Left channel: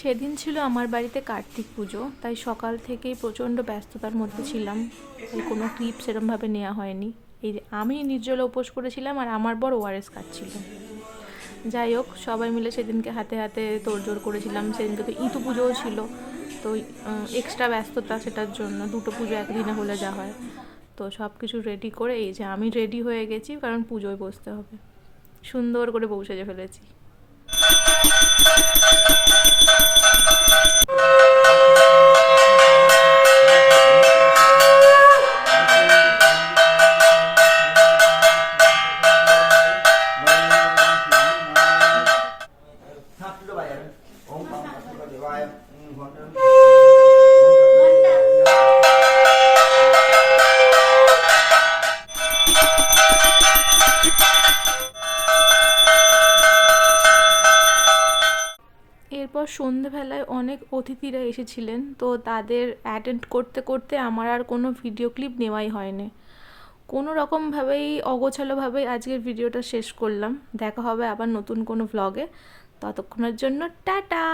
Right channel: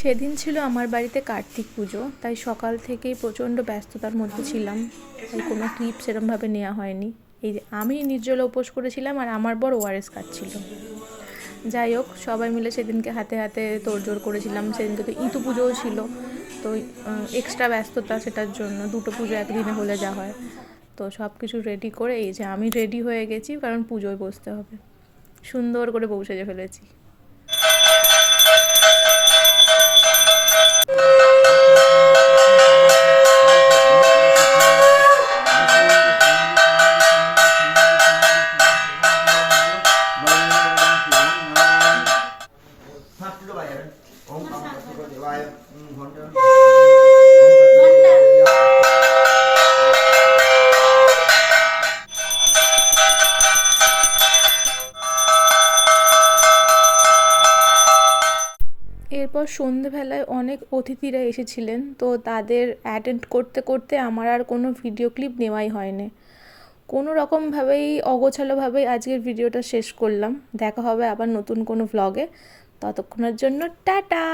সেদিন ছিল আমার বাড়িতে কার্তিক পুজো, তাই সকাল থেকেই প্রচণ্ড ব্যস্ততার মধ্যে ছিলাম, তাই কোনো ক্লিপ সেরমভাবে নেওয়া হয়নি। এই যে আমি নির্জলা উপোস করেছিলাম আর আমার বর ওআরএস খাচ্ছিল। যাই হোক, সবাই মিলে সেদিনকে হাতে হাতে তোড়জোড় করেছিলাম। সেদিনকে তো ইতু পুজোও ছিল, তো এক্সট্রা ব্যস্ততা সেটার জন্য, দুটো পুজো একদিনে হলে যা হয়। তো সব কিছু রেডি করে এই যে আমি রেডি হয়ে গেছি, কারণ পুজোয় বসতে হবে। সুন্দর করে বউ সেজে ফেলেছি। এরপর সন্ধেবেলায় অনেক অতিথিরা এসেছিলেন, তো তাদের অ্যাটেন্ড করতে করতে আমার আর কোনো ভিডিও ক্লিপ নেওয়াই হয়নি। কোনো রকমভাবেই অগোছালোভাবেই আজকের ভিডিওটা শেষ করলাম। দেখা হবে আবার নতুন কোনো ভ্লগে। ততক্ষণের জন্য টাটা।